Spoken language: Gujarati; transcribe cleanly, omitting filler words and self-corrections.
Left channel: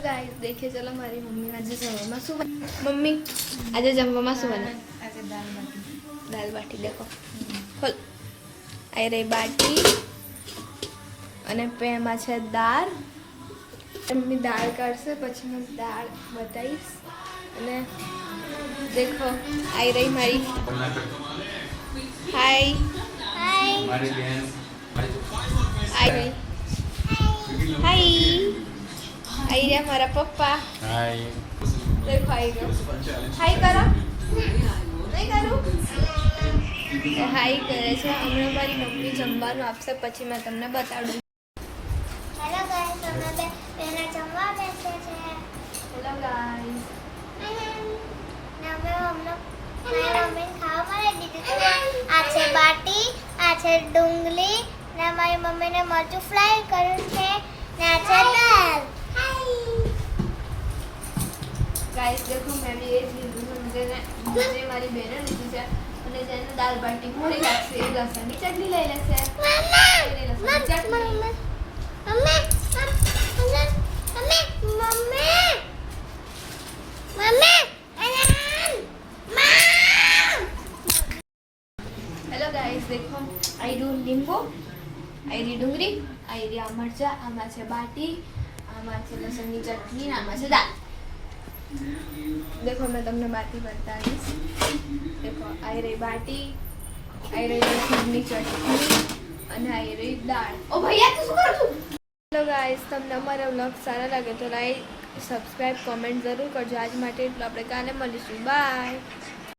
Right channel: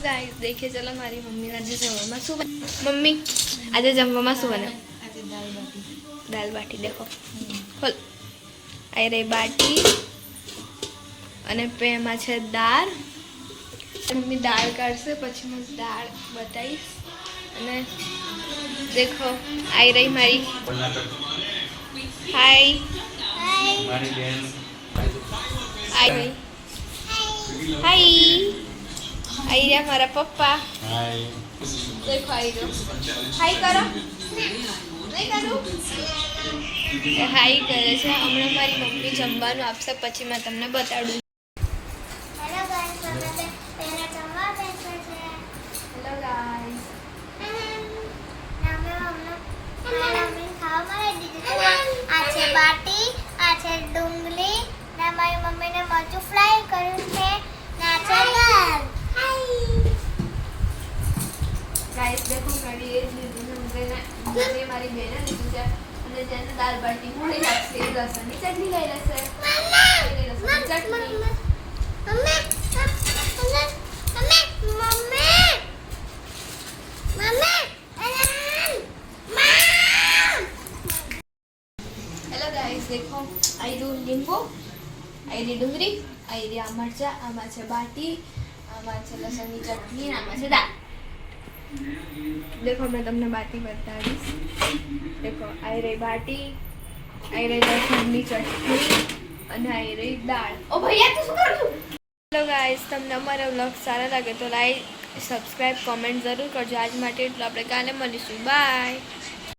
गाइस देखिए चलो हमारी मम्मी आज जमવામાં શું મમ્મી આજે જમવામાં શું બને આજે દાલ બાટી देखो ખોલ આઈ રહી બાટી અને પેમાં છે દાળ મમ્મી દાળ કાઢશે પછી હું દાળ બતાવીશ અને देखो आई रही मारी हाय મારી બેન आई रही हाय आई रहा हमारा पप्पा હાય देखो आई रहो हाय करो नहीं करूँ हाय करे છે હમણાં મારી મમ્મી જમવાનું આપશે પછી મેં તમને બતાડું હેલો ગાઈસ અમે બે પહેલા જમવા બેસે છે હેલો ગાઈસ અમે મમ્મી ખાવા બનાવી દીધું આ છે બાટી આ છે ડુંગળી ને મારી મમ્મીને મરચું ફ્રાય કર્યું છે ને આ છે દાળ गाइस देखो मैं भी ये मुझे हमारी बहने लीधी है અને જેને દાળ બાટી મોડી લાગશે એ લસણની ચટણી લઈ લેશે લસણની ચટણી हेलो गाइस देखो आई दू लींबू आई री डુંગળી आई री आ मरचा आमा छे बाटी आमा छे लसणની ચટણી आमा छे दाળ देखो मैं तुमने बाटी बताईश देखो आई रही बाटी आई रही लसणની ચટણી અને आई रही दाળ ओ भैया तू શું કરું हेलो गाइस તમને અમારો વ્લોગ સારો લાગે તો લાઈક સબસ્ક્રાઇબ કોમેન્ટ જરૂર કરજો આજ માટે એટલું આપણે કાલે મળીશું બાય